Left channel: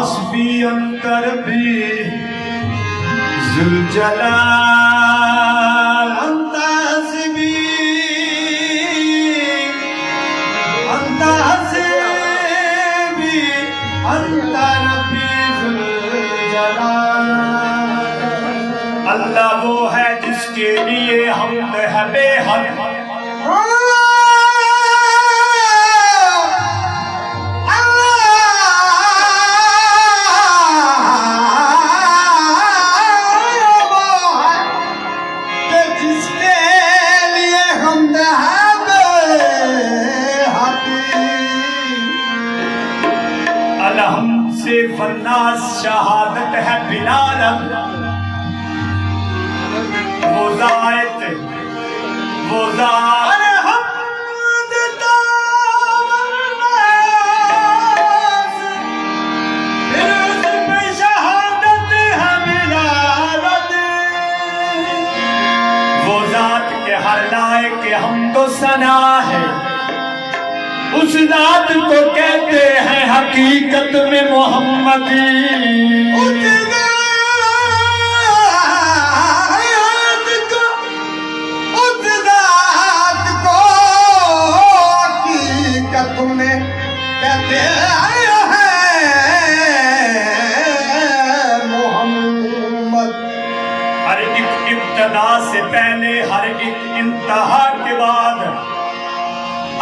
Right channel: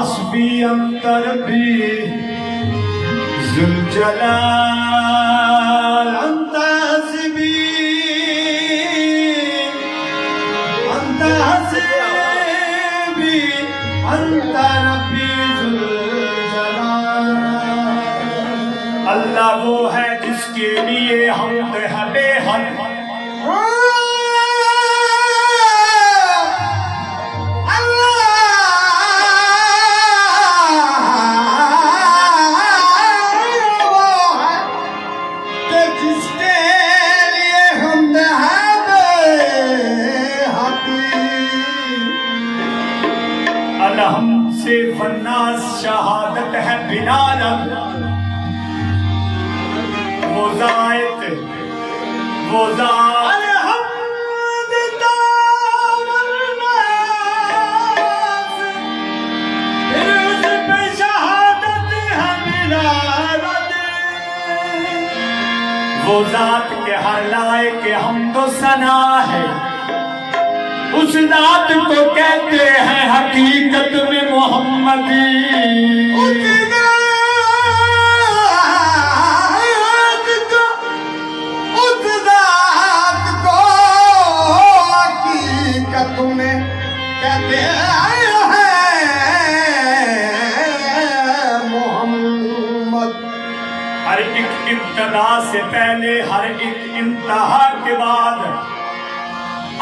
हस्बी अंतर भी जुलजलाल अंत हस्बी अंतर भी जुलजलाल। अल्लाह वो है जिसके लिए हम है बेहद। हमसे वन्नास शहादत है बिलाल वो जायत वो जात वो जात के हर लाए के हमको सना है। उस जात को कहते हैं हकीकत में मोहम्मदी। उस जात को हकीकत में कहते हैं मोहम्मद। हर एक इब्तदा से पहले हर एक इंतहा के बाद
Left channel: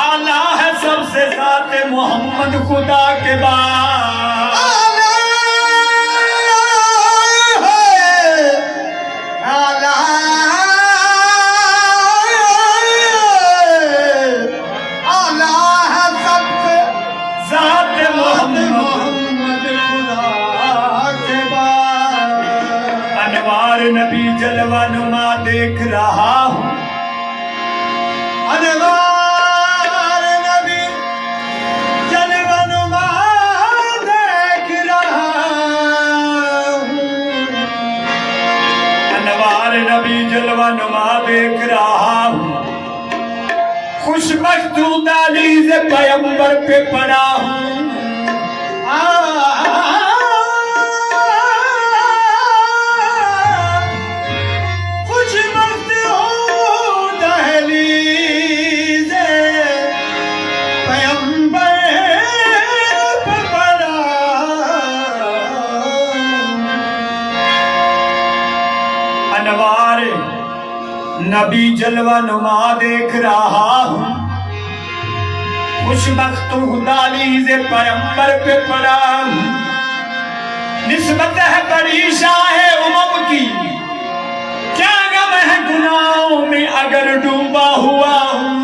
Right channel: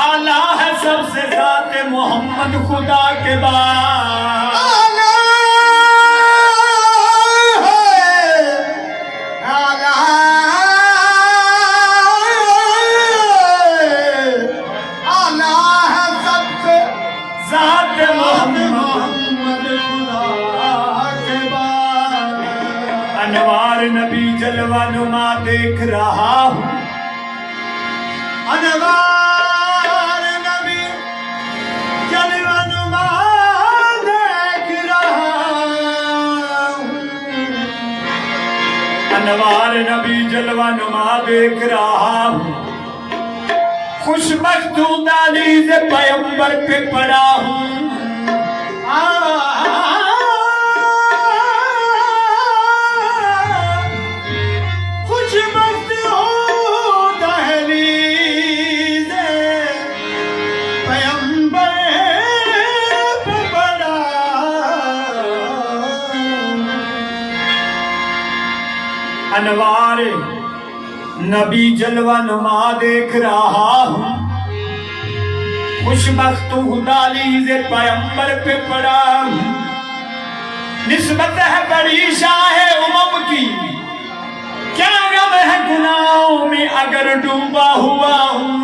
आला है सबसे ज़ाते मोहम्मद खुदा के बाद। आला है सबसे ज़ाते मोहम्मद खुदा के बाद। अनवार नबी जलवा नुमा देख रहा हूँ। अनवार अनवार नबी जलवा नुमा देख रहा हूँ। खुशबख्त दहलीज़ पैगंबर पे पड़ा हूँ। खुशबख्त दहलीज़ पैगंबर पे पड़ा। अनवार नबी जलवा नुमा देख रहा हूँ। खुशबख्त दहलीज़ पैगंबर पे पड़ा हूँ। निस्बत है बड़ी शाह उमम की, क्या गम है गुनाहों में अगर डूबा हुआ हूँ।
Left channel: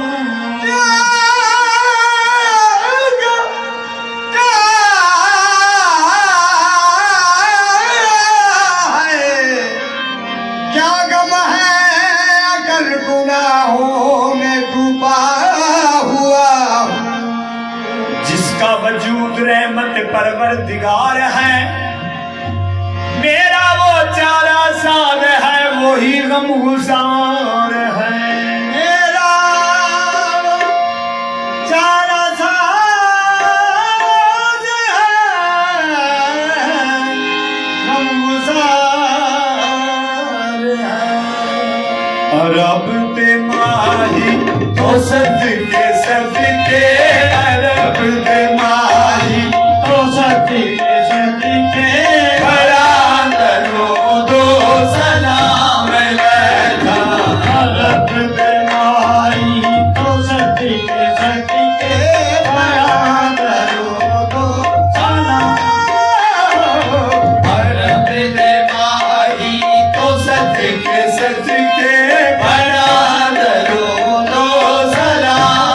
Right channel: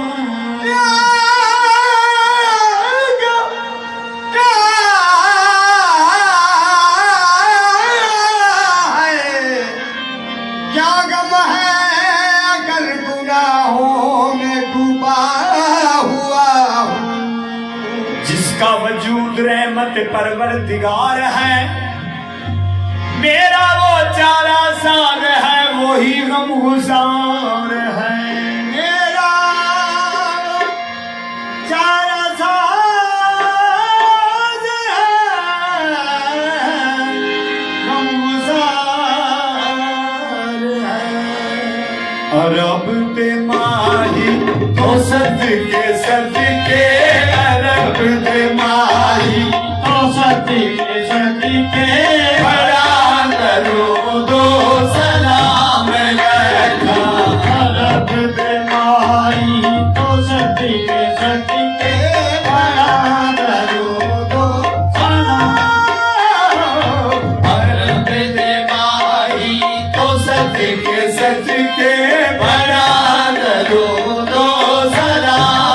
जिसका वजूद रहमत परवरदिगार है, मेरा वो चारा साज है वही गम गुजार है। मेरा चारा साज है गम गुजार है। और अब ते माही तो सदके सदके अरब दे माही तो सदके सदके बड़ा दरूदो सलाम लगा। अरब दे माही तो सदके सदके बड़ा दरूदो सलाम। अरब दे माही तो सदके सदके बड़ा दरूदो सलाम।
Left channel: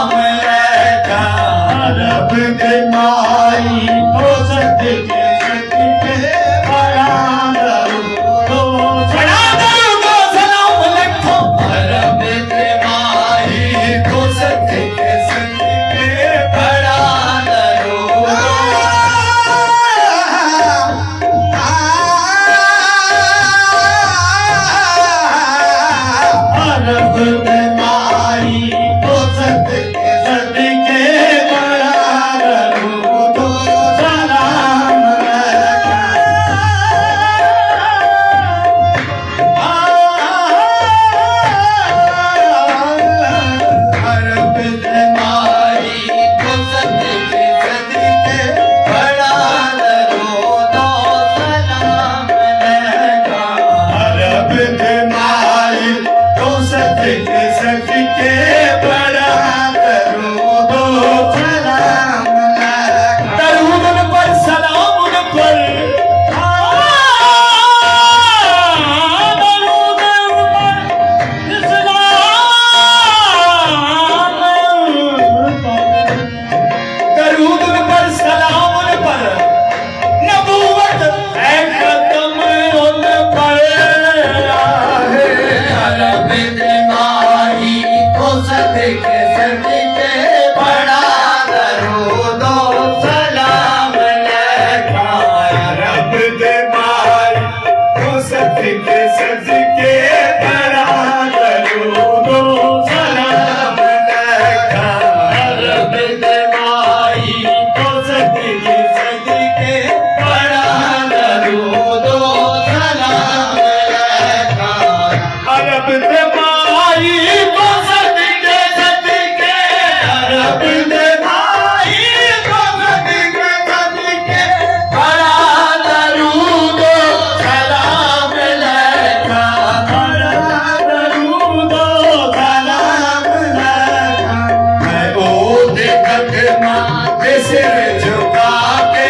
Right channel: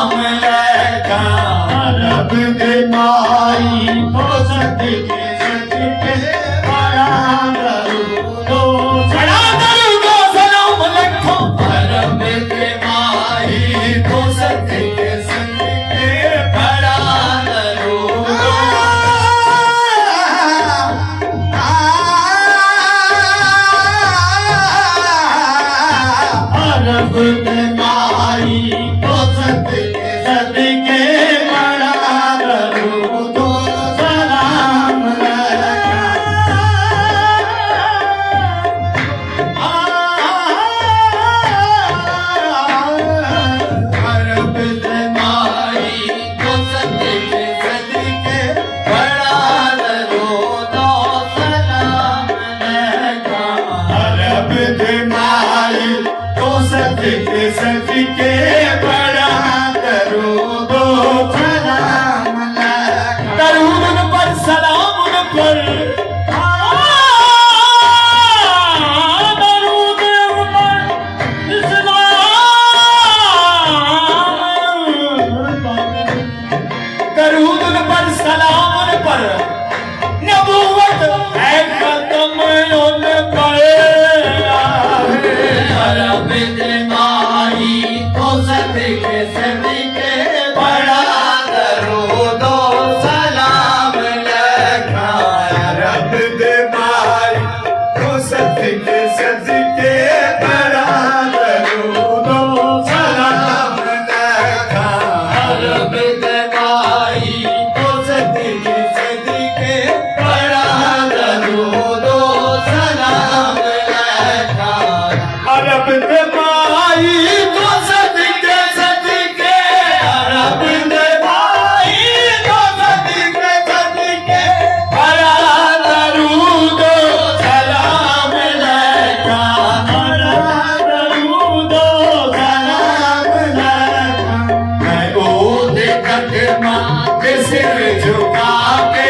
कदमा पे सिर झुका के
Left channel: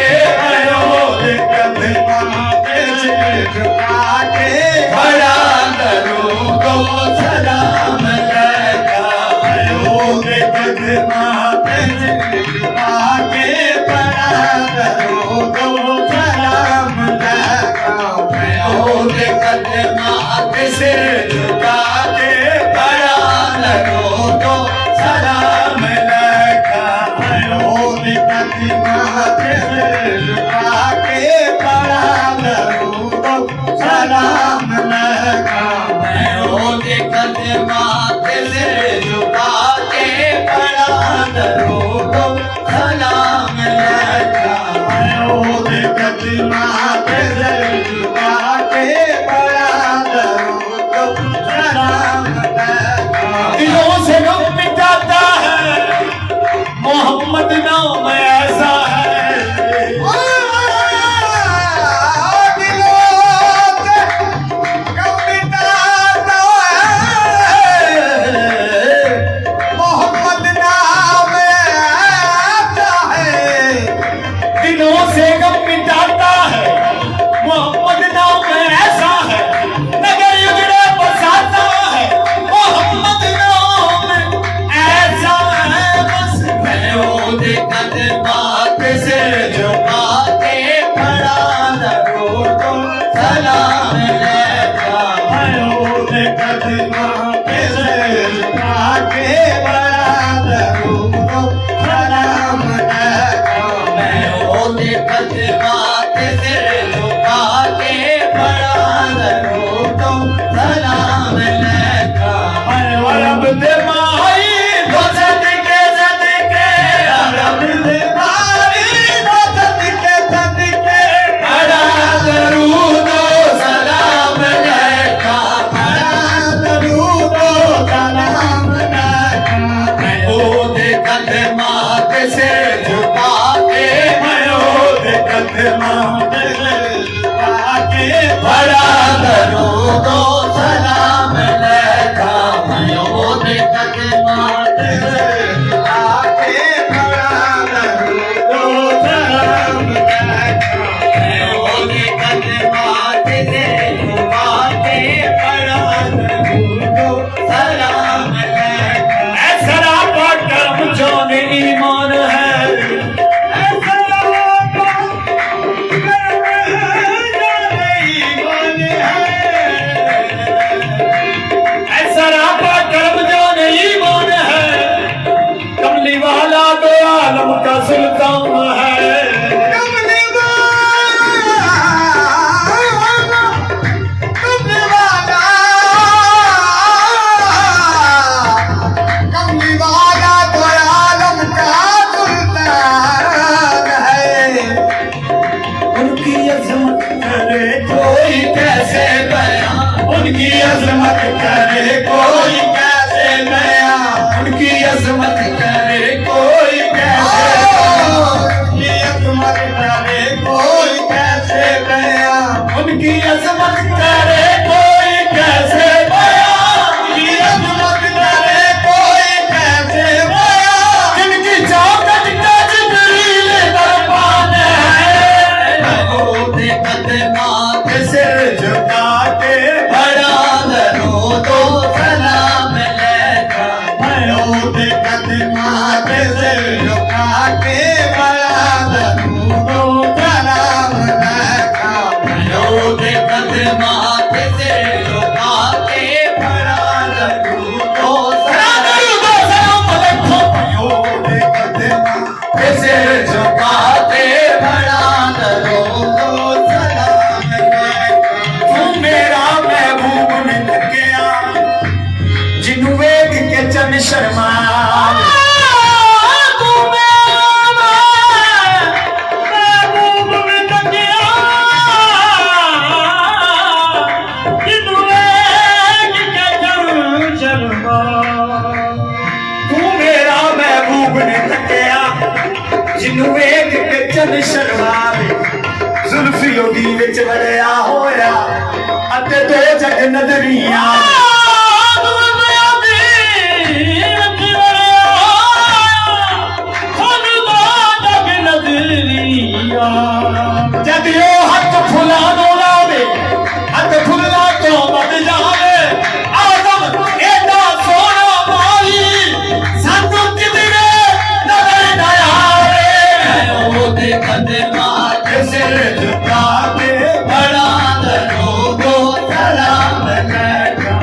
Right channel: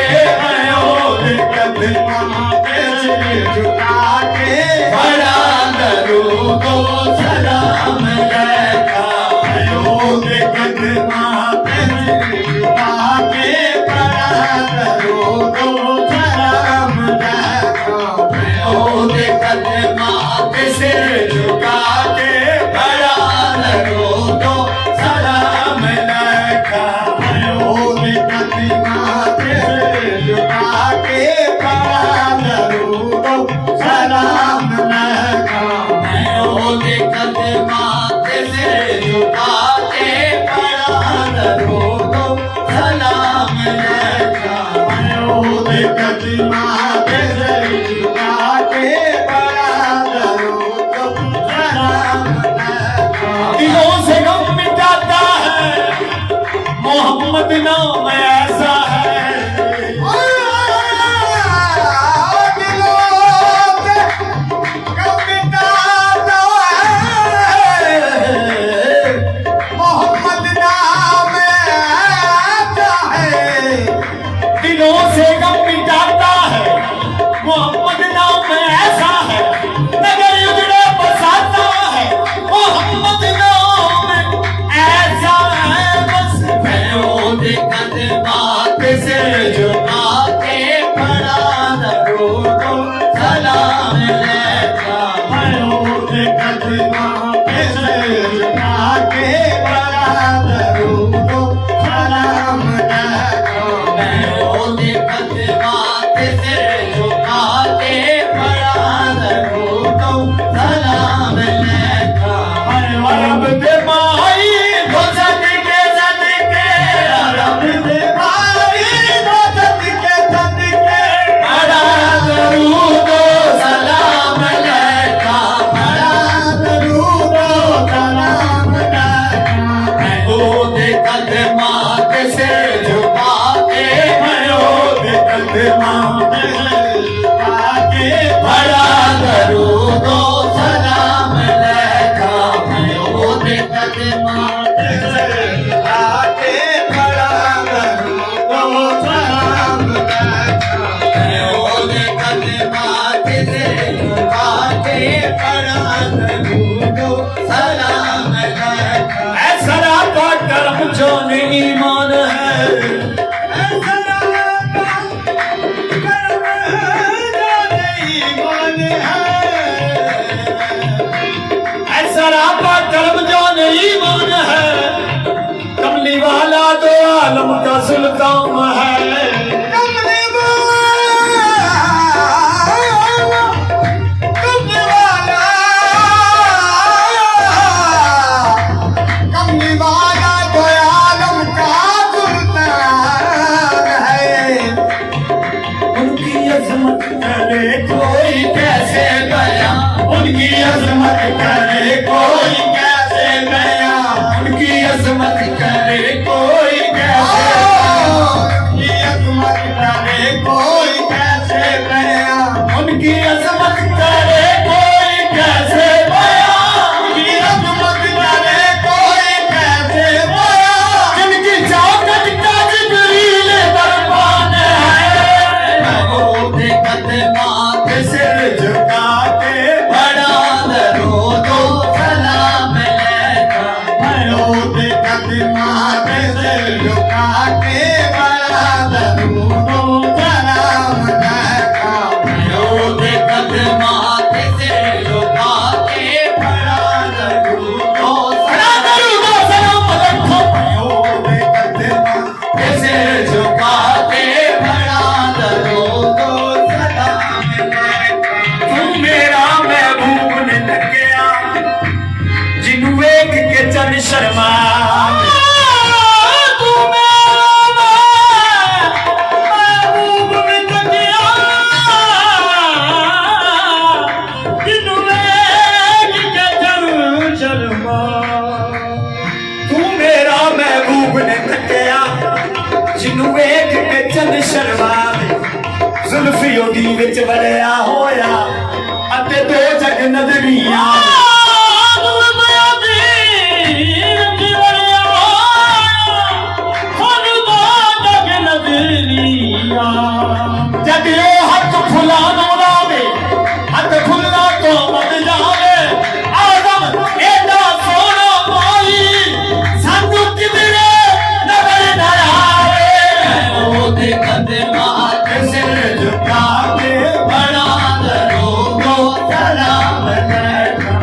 कदमा पे सिर झुका के बड़ा दरूद व सलाम लगा कदमा पे सिर झुका के बड़ा दरूद व सलाम लगा कदमा पे सिर झुका के बड़ा दरूद व सलाम लगा कदमा पे सिर झुका के बड़ा दरूद व सलाम लगा कदमा पे सिर झुका के बड़ा दरूद व सलाम लगा कदमा पे सिर झुका के बड़ा दरूद व सलाम लगा दिलों से गम मिटाता है मोहम्मद नाम ऐसा है दिलों से गम मिटाता है मोहम्मद नाम ऐसा है नगर उजड़े बसाता है मोहम्मद नाम ऐसा है बस कदमा पे सिर झुका के बड़ा दरूद व सलाम लगा कदमा पे सिर झुका के बड़ा दरूद व सलाम लगा कदमा पे सिर झुका के बड़ा दरूद व सलाम लगा अरब दे माई दो सदके अरब दे माई दो सदके बड़ा दरूद व सलाम लगा बड़ा दरूद व सलाम लगा कदमा पे सिर झुका के कदमा पे सिर झुका के बड़ा दरूद व सलाम लगा कदमा पे सिर झुका के बड़ा दरूद व सलाम लगा कदमा पे सिर झुका के बड़ा दरूद व सलाम लगा ऐसा कर्म जो ईमान है ईमान है कमली वाला दो आलम का सुल्तान है कमली वाला दो आलम का सुल्तान है उनकी अजमत करे कोई कैसे बयां उनकी अजमत करे कोई उनकी अजमत करे कोई कैसे अजमत करे कोई कैसे बयां उनकी अजमत करे कोई कैसे बयां उनकी अजमत करे कोई कैसे बयां जिनकी चौखट का जिब्रील दरबान है कदमा पे सिर झुका के बड़ा दरूद व सलाम लगा कदमा पे सिर झुका के बड़ा दरूद व सलाम लगा कदमा पे सिर झुका के बड़ा दरूद व सलाम लगा कदमा पे सिर झुका के बड़ा दरूद व सलाम लगा तू मेरा महबूब ने लग गया जिन्हू वेख के चन शर्मा तू मेरा महबूब ने लग गया जिन्हू वेख के चन शर्मा तू मेरा महबूब ने लग गया जिन्हू वेख के चन शर्मा जुल्फी ओदी विच वड़िया होया अते दो जग नजरिया लिया जब यो हथ फुलानो लावे हथ फुलना तो बद जावे आदम एडा सोना माई संतु किधरे नजर न आवे ओदे कदमां सिर झुका के बड़ा दरोगो सलाम कहता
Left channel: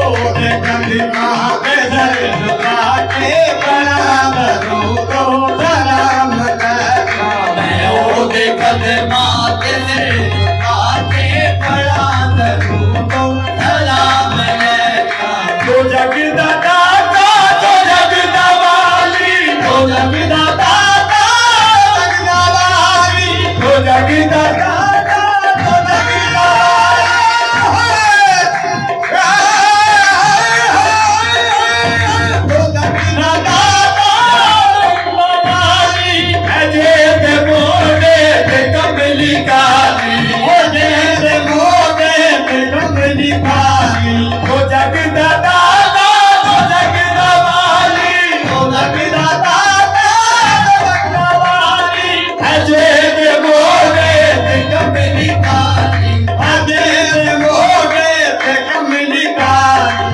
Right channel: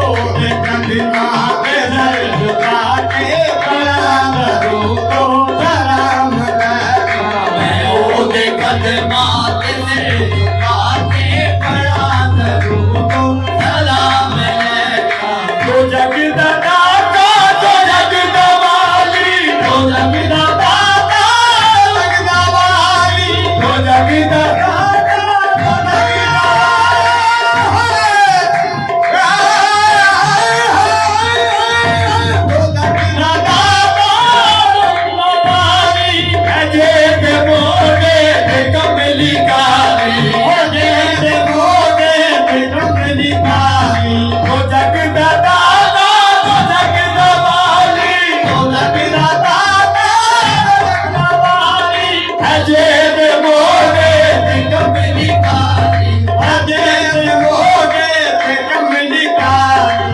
ओदे कदमां सिर झुका के बड़ा दरोगो सलाम कहता ओदे कदमां सिर झुका के बड़ा दरोगो सलाम कहता तो जग दा दाता तो जग दा वाली तो जग दा दाता जग दा वाली तो जग दा दाता तो जग दा तो जग दा दाता जग दा वाली अजे दे मोड़े ते कमली काली अजे दे मोड़े ते कमली काली तो जग दा दाता तो जग दा वाली तो जग दा दाता जग दा वाली अजे दे मोड़े ते कमली काली अजे दे मोड़े ते कमली काली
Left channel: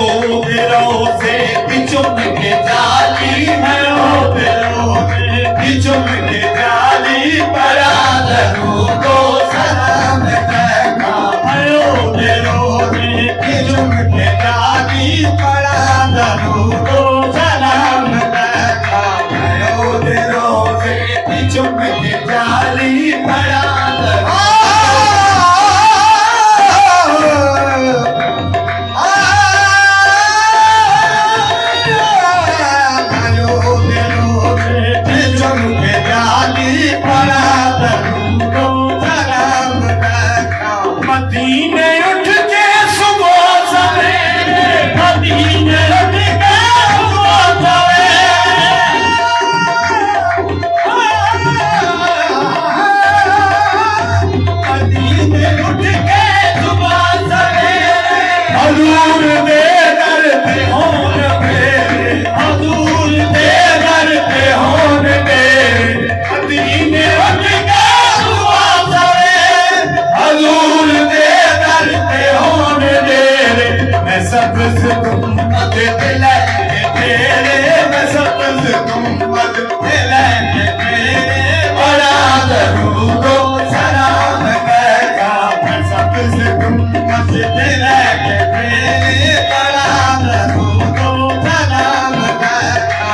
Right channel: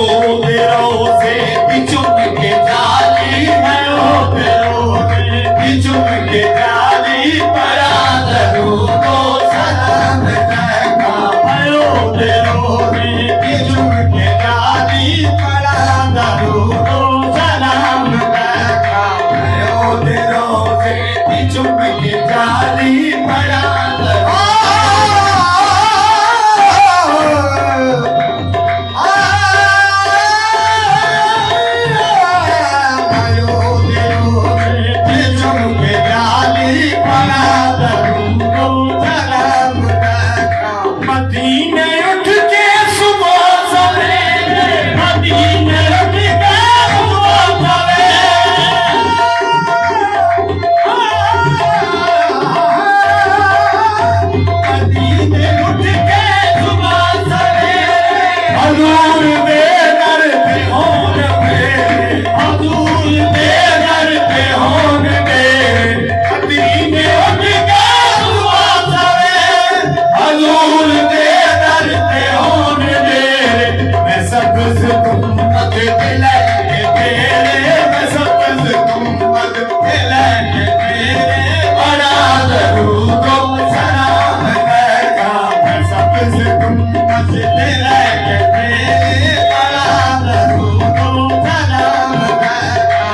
ओ तेरो से पिचुम के जाली है ओ तेरो से पिचुम के जाली परा दरू को सलाम कहता है ओ तेरो से पिचुम के जाली परा दरू को सलाम कहता है ओ तेरो से पिचुम के जाली परा दरू मदीने उठ के सुबह सवेरे मदीने उठ के सुबह सवेरे मदीने उठ के सुबह सवेरे हजूर दे दर पे होन मेरे हजूर दे दर पे होन मेरे मदीने उठ के सुबह सवेरे हजूर दे दर पे होन मेरे मैं सब्ज़ गुम्बद पे लगे तेरे मैं सब्ज़ गुम्बद पे लगे तेरे बड़ा दरूदो सलाम कहता मैं सब्ज़ गुम्बद पे लगे तेरे बड़ा दरूदो सलाम कहता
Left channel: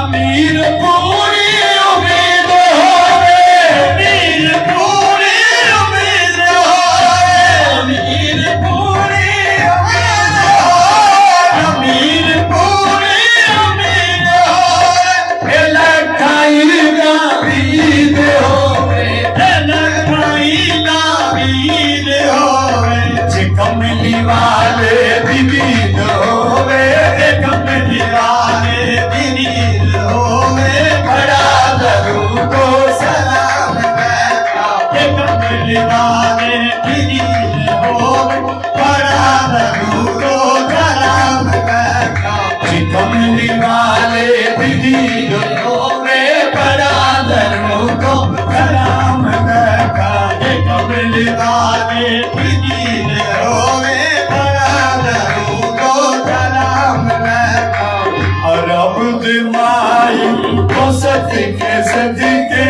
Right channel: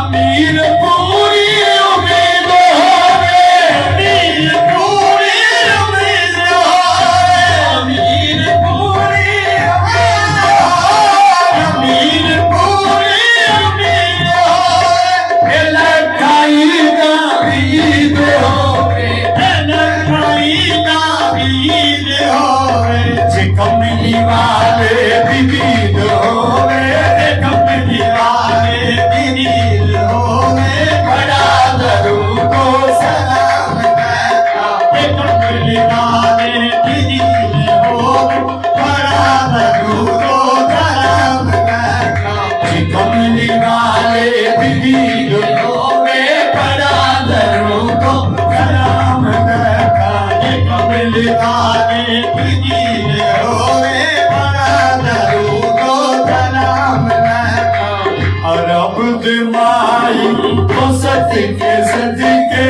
अमीर पूरी उम्मीद होवे अमीर पूरी उम्मीद होवे अमीर पूरी उम्मीद होवे अमीर पूरी उम्मीद होवे लखाई ना ईद होवे लखाई ना ईद होवे जे कमली वाले दीद होवे कमली वाले दीद होवे बड़ा दरूदो सलाम कहता कमली वाले दीद होवे बड़ा दरूदो सलाम कहता कमली वाले दीद होवे बड़ा दरूदो सलाम कहता कमली वाले दीद होवे बड़ा दरूदो सलाम कहता और अब दिमाई को सदके सदके